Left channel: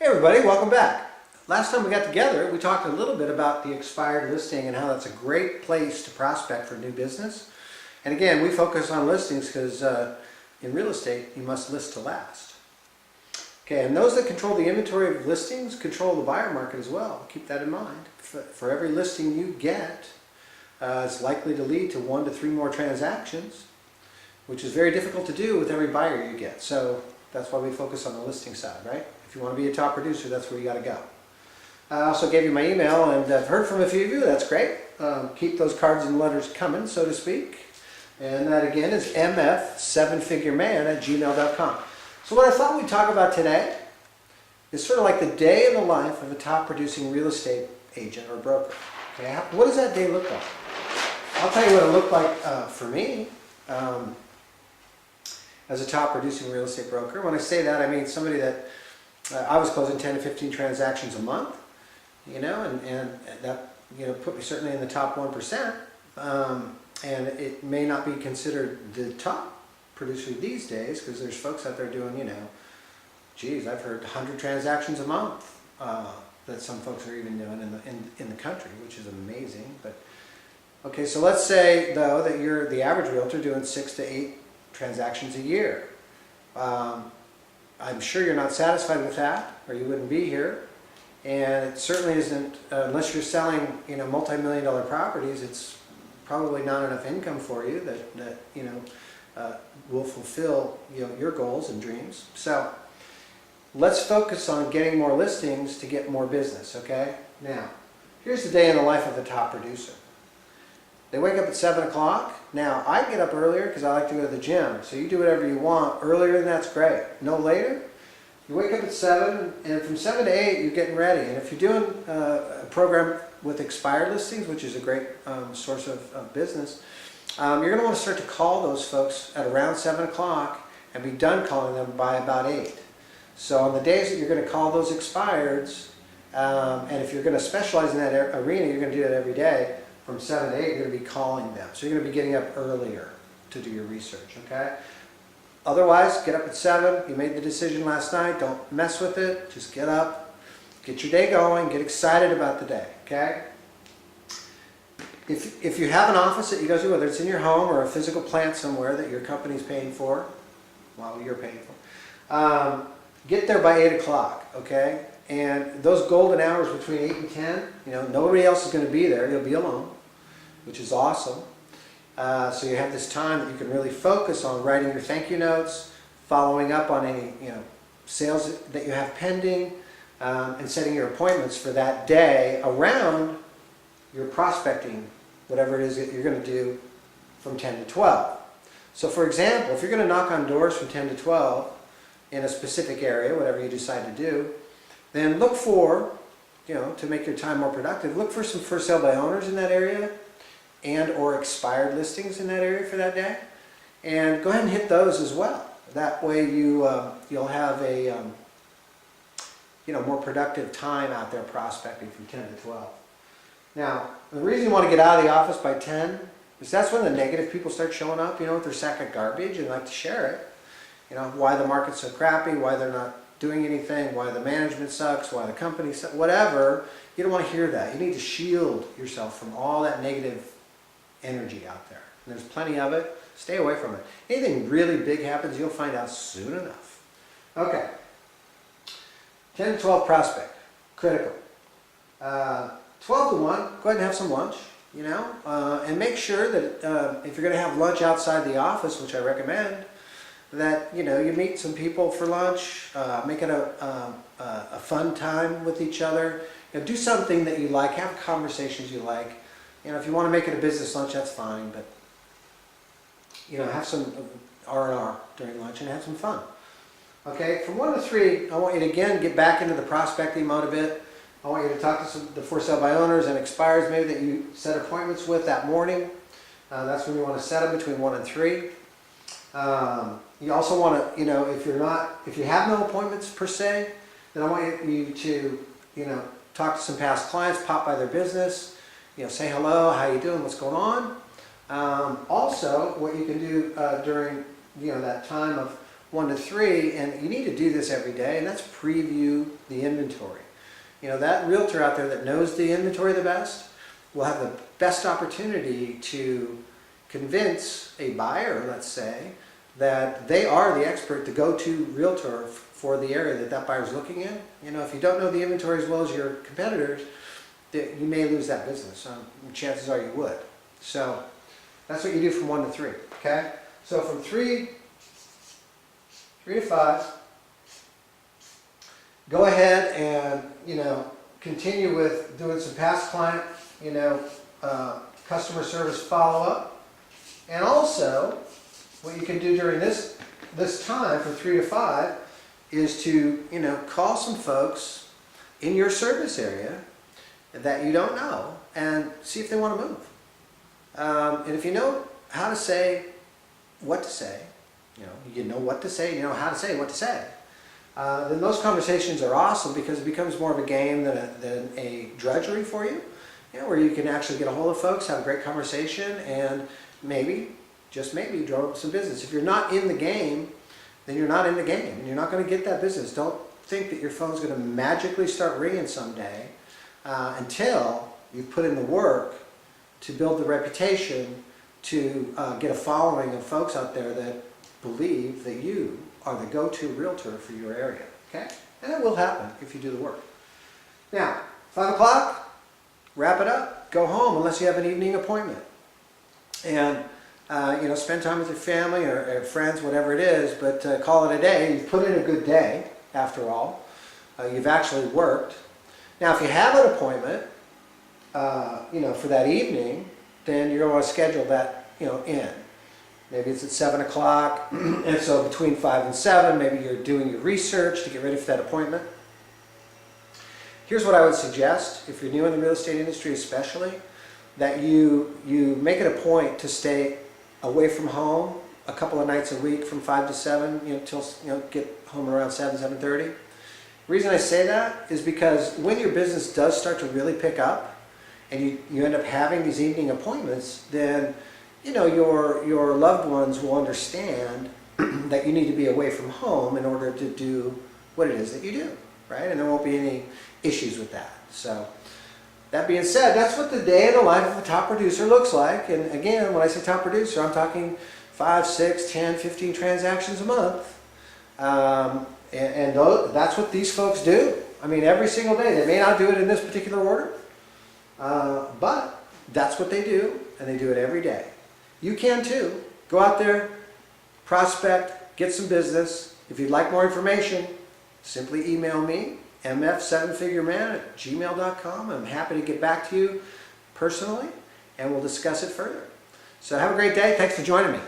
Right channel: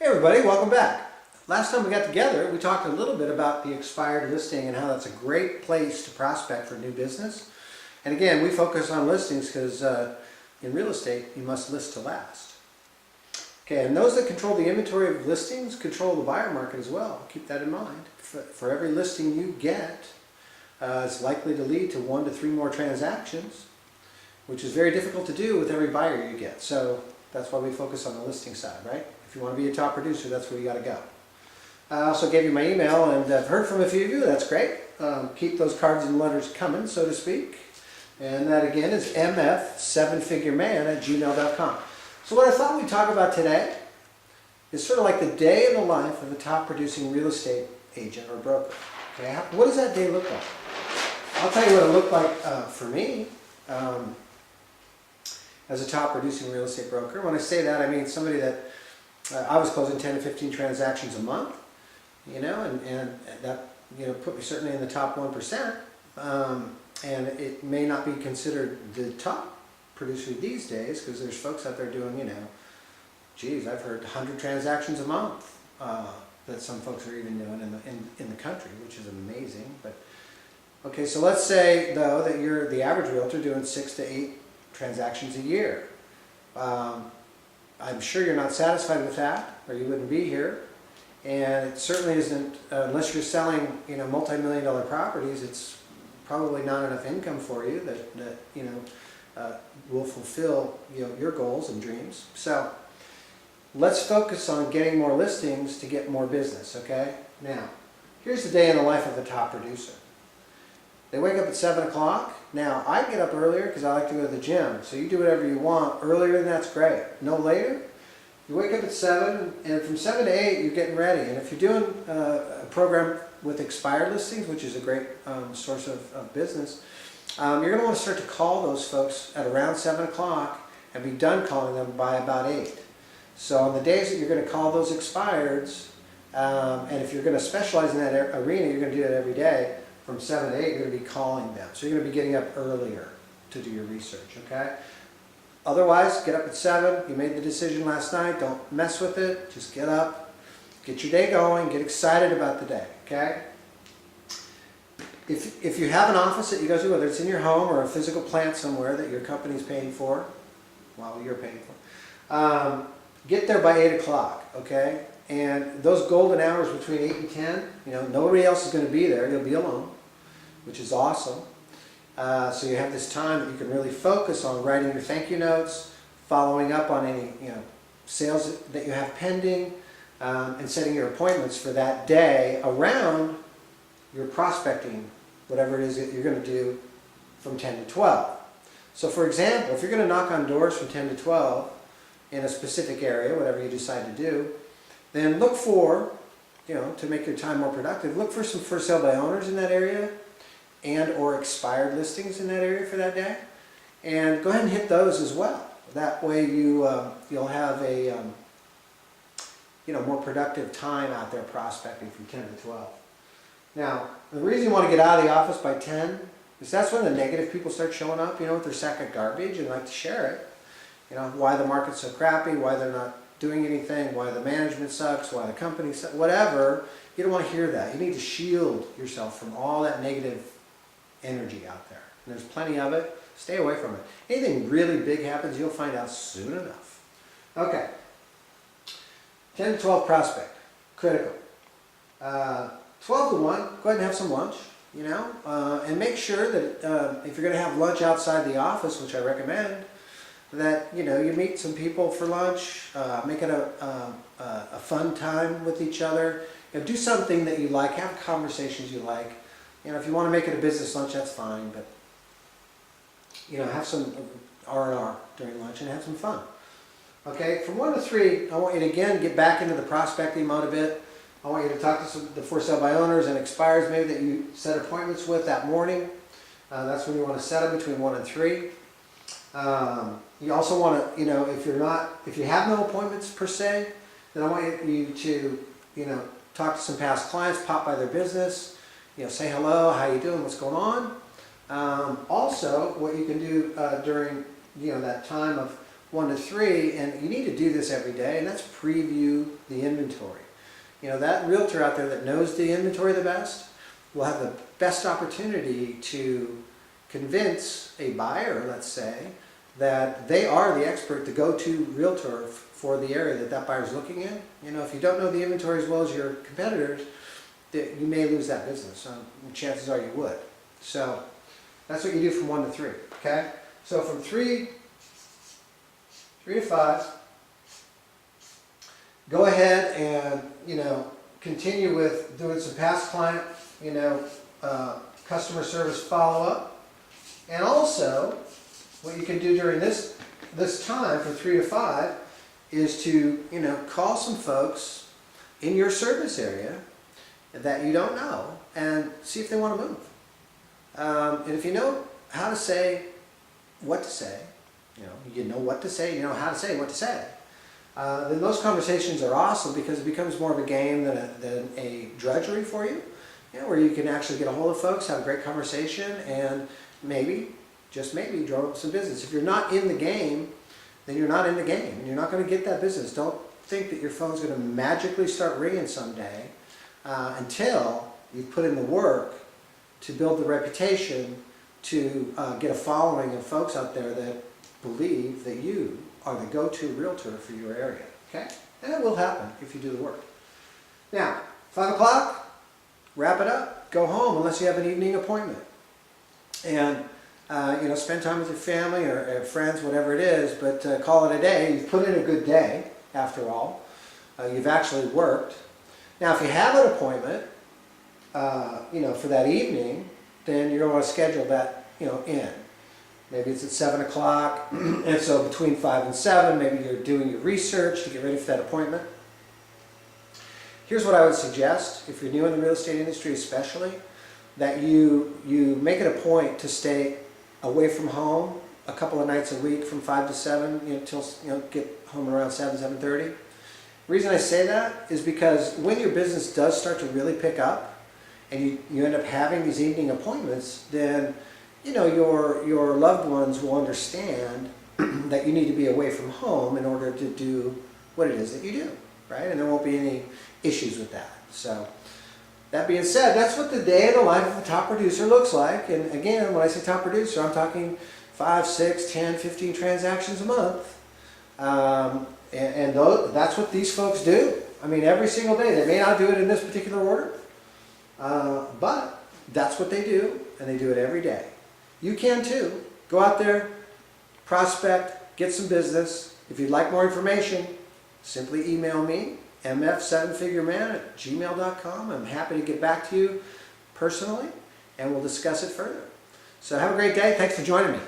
Hey everybody, welcome back. Last time we got together, we talked a little bit about the expired listing and how that's a great place to prospect for new business. And again, we focus on listings because in real estate, you must list to last. Okay, and those that control the inventory of listings control the buyer market as well. Keep that in mind. For every listing you get, it's likely to lead to 1 to 3 more transactions, which is very difficult to do with every buyer you get. So that's why we focus on the listing side, right? If you want to be a top producer, that's where you got to go. I also gave you my email, and I've heard from a few of you. That's great. Keep those cards and letters coming, so to speak. And that again is mf7figureman@gmail.com. So what I thought we'd talk about today is sort of like the day in the life of a top producing real estate agent or broker. Okay, what does that day look like? I'll tell you what it looked like for me. As a top producing real estate broker. When I say that, I mean somebody that I was closing 10 to 15 transactions a month, and that, put me certainly in the top 1%. And it may not be considered the top producer these days because there's folks out there doing, geez, I've heard 100 transactions a month that some folks are even doing in the country, which is amazing. But okay, so let's say though that you're the average realtor doing 6 to 8 transactions a year. I'm sure you're not satisfied with that, or you wouldn't be here. And it certainly isn't, unless you're selling, multi-million-dollar properties. It's probably not enough income for you that will fulfill your goals and dreams. So let's focus on getting more listings to get more business. Okay. Now, here's the day in the life of a top producer. They wake up at 7 o'clock. Now, I get up earlier because I like to go to the gym. So you do whatever you want. Earlier than that's great. No later. You wake up at 7, and from 7 to 8, you're getting ready. And if you're doing a program with expired listings, which is a great source of business, you're going to want to start to call those folks at around 7 o'clock and be done calling them by about 8. So on the days that you're going to call those expireds, and if you're going to specialize in that arena, you're going to do it every day. From 7 to 8, you're going to be calling them. So you're going to be getting up earlier to do your research, okay? Otherwise, get up at 7. You made the decision last night. Don't mess with it. Just get up, get your day going, get excited about the day, okay? If you have an office that you go to, whether it's in your home or a physical plant somewhere that your company's paying for, well, you're paying for, get there by 8 o'clock, okay? And those golden hours between 8 and 10, nobody else is going to be there. You'll be alone, which is awesome. So you have this time that you can really focus on writing your thank you notes, following up on any sales that you have pending, and setting your appointments for that day around your prospecting, whatever it is that you're going to do from 10 to 12. So for example, if you're going to knock on doors from 10 to 12 in a specific area, whatever you decide to do, then look for, to make your time more productive, look for some for sale by owners in that area and or expired listings in that area for that day. And go ahead and hit those as well. That way you'll have a more productive time out there prospecting from 10 to 12. Now, the reason you want to get out of the office by 10 is that's when the negative people start showing up, with their sack of garbage and like to share it. Why the market's so crappy, why they're not doing anything, why the management sucks, why the company sucks, whatever. You don't want to hear that. You need to shield yourself from all that negative energy out there. And there's plenty of it. Stay away from it. Anything really big happens, you'll find out soon enough. Okay. 10 to 12 prospect. Critical. 12 to 1, go ahead and have some lunch, and make sure that if you're going to have lunch outside the office, which I recommend, that you meet some people for lunch, make it a fun time with each other. Do something that you like, have conversations you like. If you want to make it a business lunch, that's fine, but have some R&R during lunch and have some fun. Okay, from 1 to 3, I want you to again get back into the prospecting mode a bit. I want you to talk to the for sale by owners and expires maybe that you set appointments with that morning. That's when you want to set them between 1 and 3. You also want to, if you have no appointments per se, then I want you to, talk to some past clients, pop by their business, say hello, how you doing, what's going on. Also, what you can do during, that time of 1 to 3, and you need to do this every day, and that's preview the inventory. You know, that realtor out there that knows the inventory the best will have the best opportunity to convince a buyer, let's say, that they are the expert, the go-to realtor for the area that that buyer's looking in. You know, if you don't know the inventory as well as your competitors, you may lose that business. Chances are you would. So that's what you do from 1 to 3, okay? So from 3 to 5, go ahead and, you know, continue with doing some past client, you know, customer service follow-up. And also, what you can do during this time from 3 to 5 is to, you know, call some folks in your service area that you don't know and see if they want to move. And if you know how to say what to say, you know what to say, you know how to say what to say, then those conversations are awesome because it becomes more of a game than a drudgery for you, you know, where you can actually get a hold of folks, have a great conversation, and maybe, just maybe, drum up some business. If you're not in the game, then you're not in the game, and you're not going to get that business. Don't think that your phone's going to magically start ringing someday until you've put in the work to build the reputation, to get a following of folks out there that believe that you are the go-to realtor for your area, okay? And it will happen if you do the work. Now, 5 o'clock, wrap it up, go home unless you have an evening appointment. And, you know, spend time with your family or friends, whatever it is, but call it a day. You've put in a good day, after all. You've actually worked. Now, if you have an appointment, you know, for that evening, then you're going to want to schedule that, you know, in. Maybe it's at 7 o'clock, and so between 5 and 7, maybe you're doing your research to get ready for that appointment. Here's what I would suggest, if you're new in the real estate industry especially, that you make it a point to stay away from home a couple of nights a week from 5 to 7, you know, till, you know, get home around 7, 7:30. The reason I say that is because when your business does start to really pick up and you end up having these evening appointments, then, you know, your loved ones will understand that you need to be away from home in order to do what it is that you do, right? And there won't be any issues with that. So that being said, that's what the day in the life of a top producer looks like. And again, when I say top producer, I'm talking 5, 6, 10, 15 transactions a month. That's what these folks do. I mean, every single day. They may not do it in this particular order, but that's what they do, and they do it every day. You can too. Go out there, prospect, get some business. If you'd like more information, simply email me, mf7figureman@gmail.com. I'm happy to get back to you personally, and we'll discuss it further. So have a great day. Thanks for joining me.